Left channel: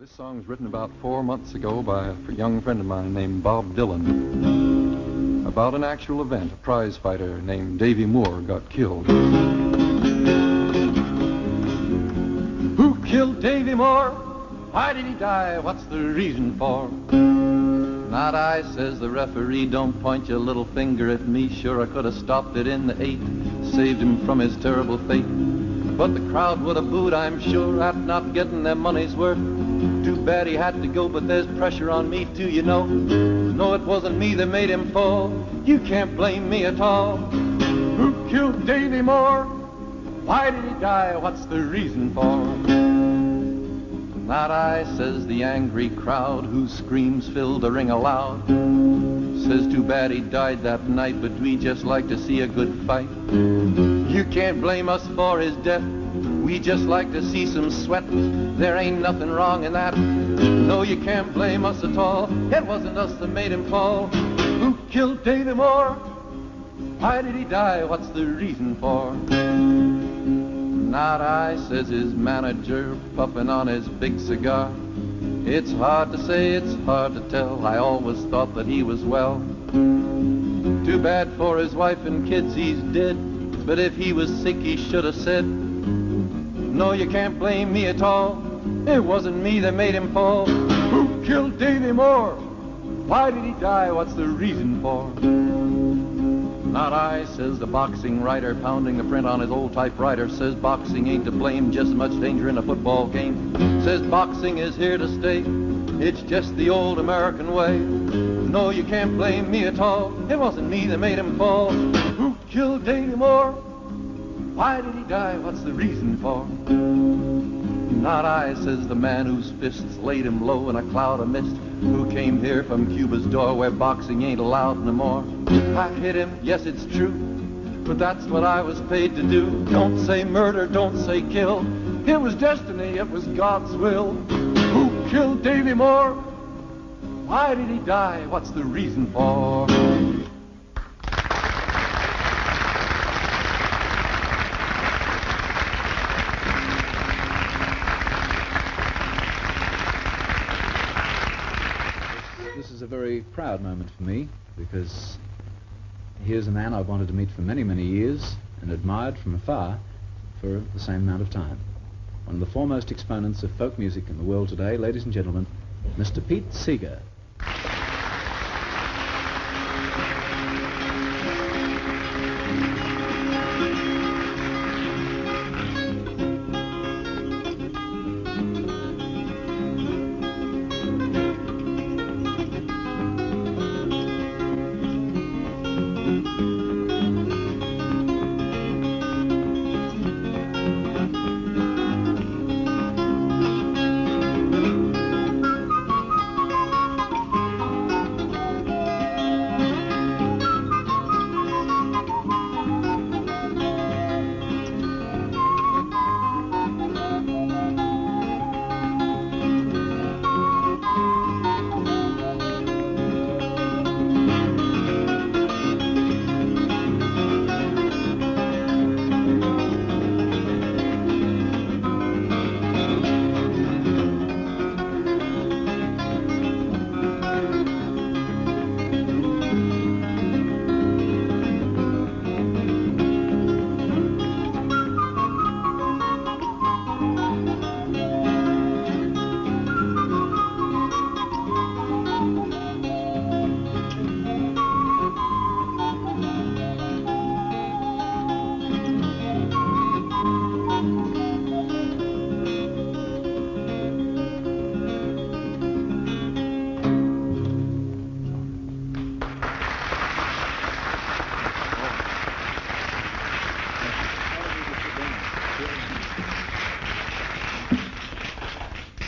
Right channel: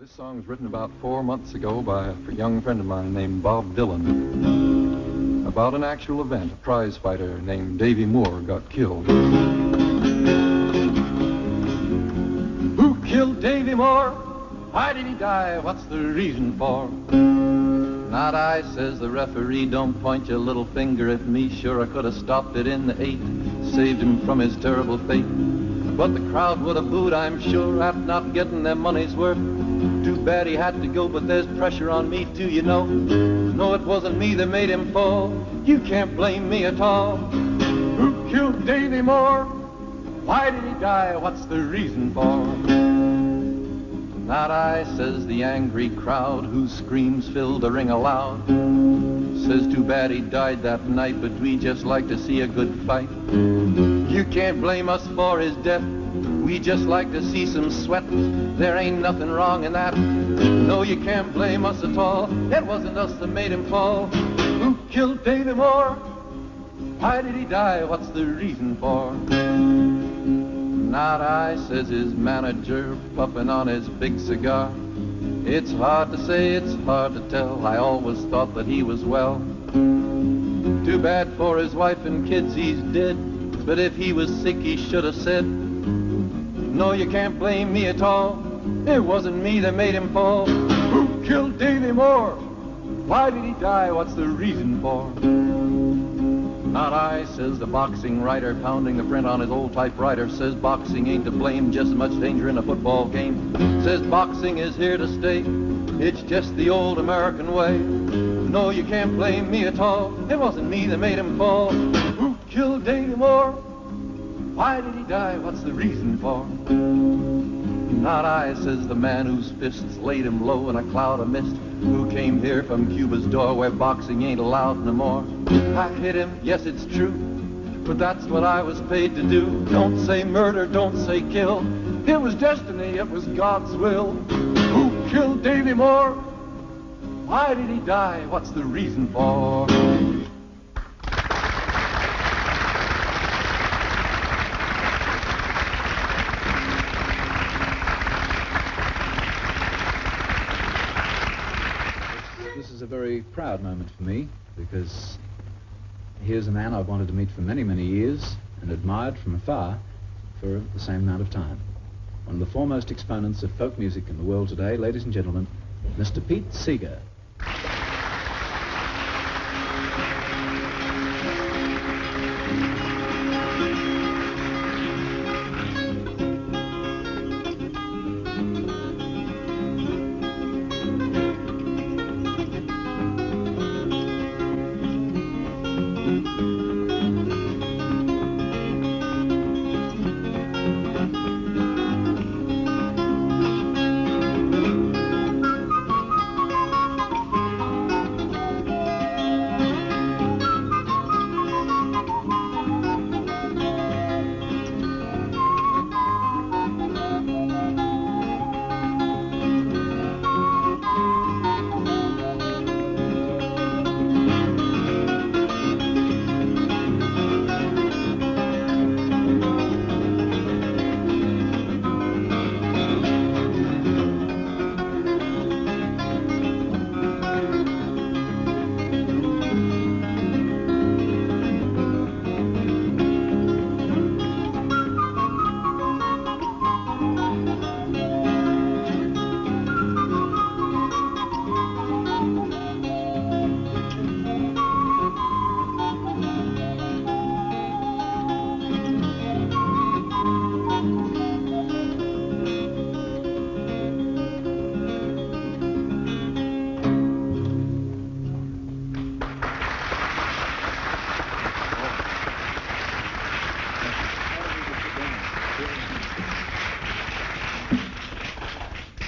This song was written about 4 months ago by a young friend of mine named Bob Dylan about an actual event. A prize fighter named Davey Moore got killed. Who killed Davey Moore? Why did he die? What's the reason for? Not I, says the referee. Don't point your little finger at me. Sure, I could have stopped it in the 8th, saved him from his terrible fate. But the crowd would have booed, I'm sure, at not getting their money's worth. Too bad he had to go, but there's pressure on me too, you know. No, it wasn't me that made him fall. You can't blame me at all. Who killed Davey Moore? Why did he die? What's the reason for? Not I, says the angry crowd, whose screams filled the ring aloud. Says too bad he died that night, but we just like to see a good fight. You can't blame us for his death. We just like to see some sweat. There ain't nothing wrong in that. No, you can't blame us at all. It wasn't us that made him fall. Who killed Davey Moore? Why did he die? What's the reason for? Not I, says his manager, puffing on his big cigar. It's hard to say, it's hard to tell. I always thought that he was well. Too bad for his wife and kids, he's dead. But if he was sick, he should have said, no, you can't blame me at all. It wasn't me that made him fall. Who killed Davey Moore? Why did he die? What's the reason for? Not I, says the boxing writer, pounding the print on his old typewriter. Says boxing ain't to blame, just as much danger in a football game. Says boxing is here to stay. It's just the old American way. No, you can't blame me at all. It wasn't me that made him fall. Who killed Davey Moore? Why did he die? What's the reason for? Not I, says the man whose fists laid him low in a cloud of mist, who came here from Cuba's door where boxing ain't allowed no more. I hit him, yes, it's true, but that's what I was paid to do. Don't say murder, don't say kill. It was destiny, it was God's will. Who killed Davey Moore? Why did he die? What's the reason for? This is a very proud moment for me, because here's a man I've wanted to meet for many, many years and admired from afar for the same amount of time. One of the foremost exponents of folk music in the world today, ladies and gentlemen, Mr. Pete Seeger.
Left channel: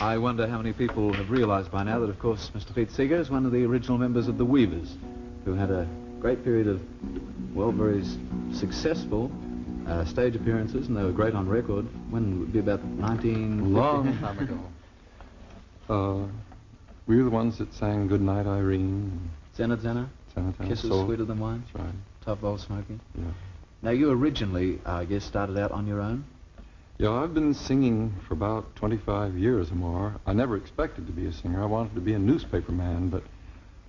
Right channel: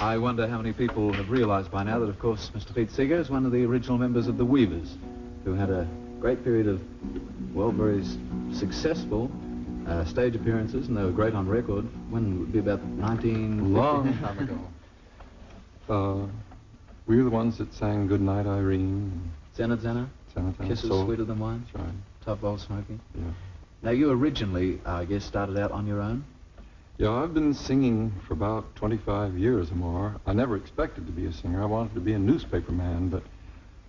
I wonder how many people have realized by now that, of course, Mr. Pete Seeger is one of the original members of the Weavers, who had a great period of, well, very successful stage appearances, and they were great on record. When would be about 19... Long time ago. We were the ones that sang Goodnight Irene. Zenna Zenna? Zenna Zenna. Kisses Sweeter Than Wine? That's right. Top Bowl Smoking? Yeah. Now, you originally, I guess, started out on your own? Yeah, I've been singing for about 25 years or more. I never expected to be a singer. I wanted to be a newspaperman, but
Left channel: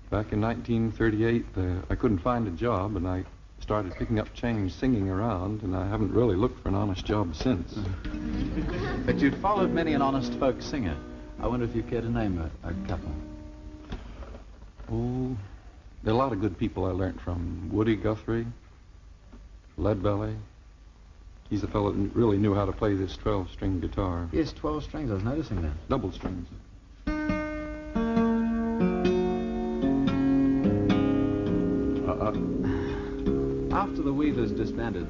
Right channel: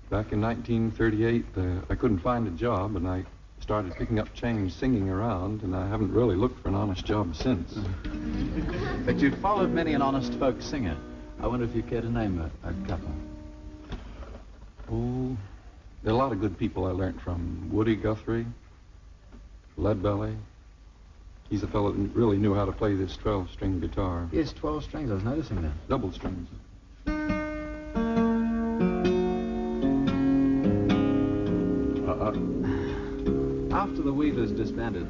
back in 1938, I couldn't find a job, and I started picking up change singing around, and I haven't really looked for an honest job since. But you've followed many an honest folk singer. I wonder if you care to name a couple. Oh, there are a lot of good people I learned from. Woody Guthrie, Leadbelly. He's a fellow that really knew how to play this 12-string guitar. Yes, 12 strings. I was noticing that. Double strings. After the Weavers disbanded,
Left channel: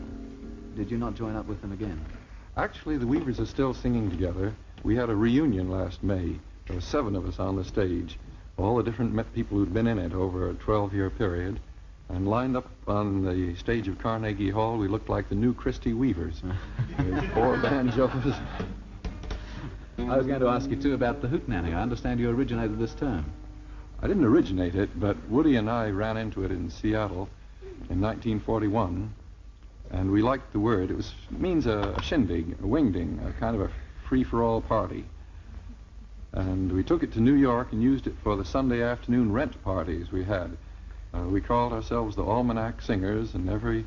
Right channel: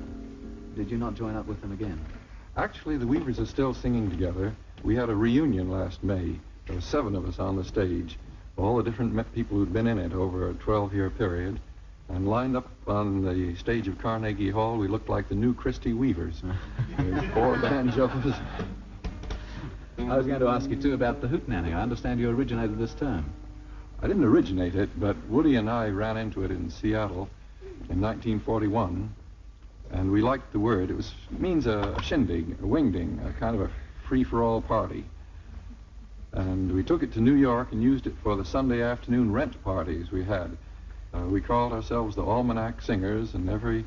did you not join up with them again? Actually, the Weavers are still singing together. We had a reunion last May. There were 7 of us on the stage, all the different people who'd been in it over a 12-year period. And lined up on the stage of Carnegie Hall, we looked like the new Christie Weavers. There's 4 banjos. I was going to ask you, too, about the hootenanny. I understand you originated this term. I didn't originate it, but Woody and I ran into it in Seattle in 1941, and we liked the word. It means a shindig, a wingding, a kind of a free-for-all party. And we took it to New York and used it for the Sunday afternoon rent parties we had. We called ourselves the Almanac Singers, and every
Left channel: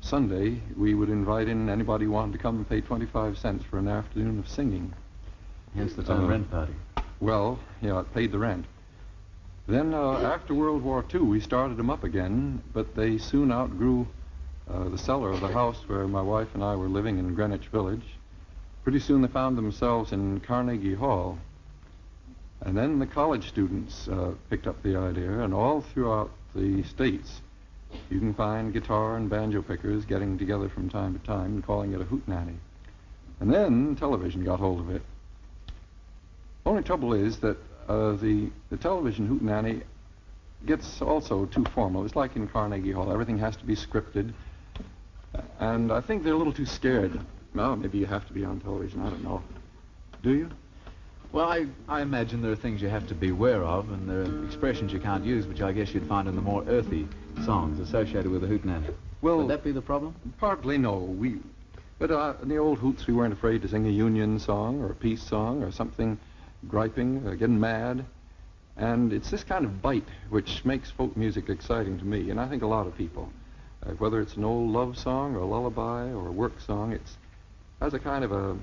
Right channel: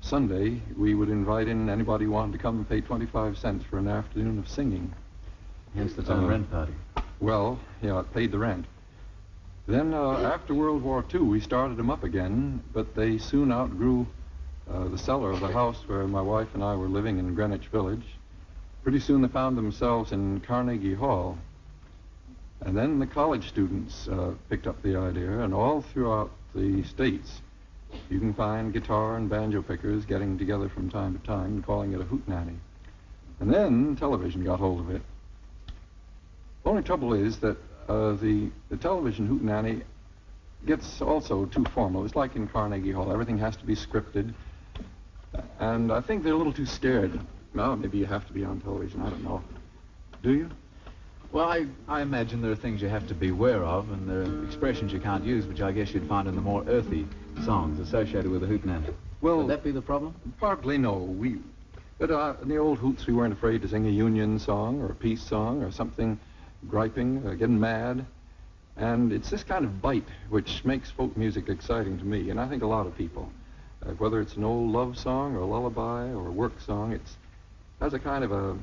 Sunday we would invite in anybody who wanted to come and pay 25 cents for an afternoon of singing. Hence the term rent party. Well, yeah, it paid the rent. Then after World War II, we started them up again, but they soon outgrew the cellar of the house where my wife and I were living in Greenwich Village. Pretty soon they found themselves in Carnegie Hall. And then the college students picked up the idea, and all throughout the States, you can find guitar and banjo pickers getting together from time to time and calling it a hootenanny. And then television got hold of it. The only trouble is that the television hootenanny gets also too formal. It's like in Carnegie Hall. Everything has to be scripted. And I think they're a little too scared. Well, maybe you have to be on television. I don't know. Do you? Well, I imagine there are things you have to be aware of, and there are expressions you can't use, which I guess you'd find in the more earthy songs associated with the hootenanny. Well, would that be the problem? Partly, no. But in the old hoots, we weren't afraid to sing a union song or a peace song or something griping, getting mad. And it's this kind of bite which makes folk music exciting to me, and I think a lot of people. Whether it's an old love song or a lullaby or a work song, it has a kind of a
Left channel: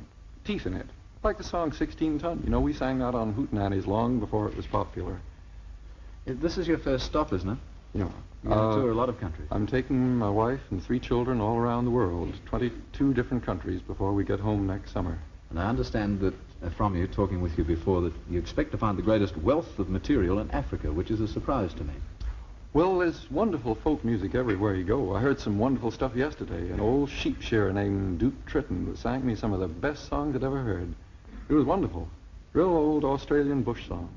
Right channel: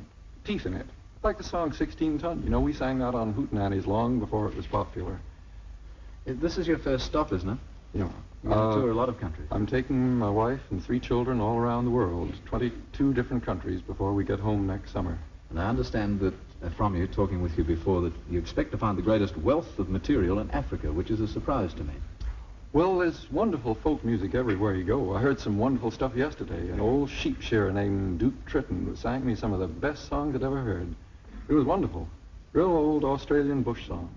teeth in it. Like the song 16 Ton. You know, we sang that on hootenannies long before it was popular. This is your first stop, isn't it? Yeah. You tour a lot of countries. I'm taking my wife and 3 children all around the world, 22 different countries before we get home next summer. And I understand that from you, talking with you before, that you expect to find the greatest wealth of material in Africa, which is a surprise to me. Well, there's wonderful folk music everywhere you go. I heard some wonderful stuff yesterday. An old sheep shearer named Duke Tritton that sang me some of the best songs I'd ever heard. It was wonderful. Real old Australian bush song.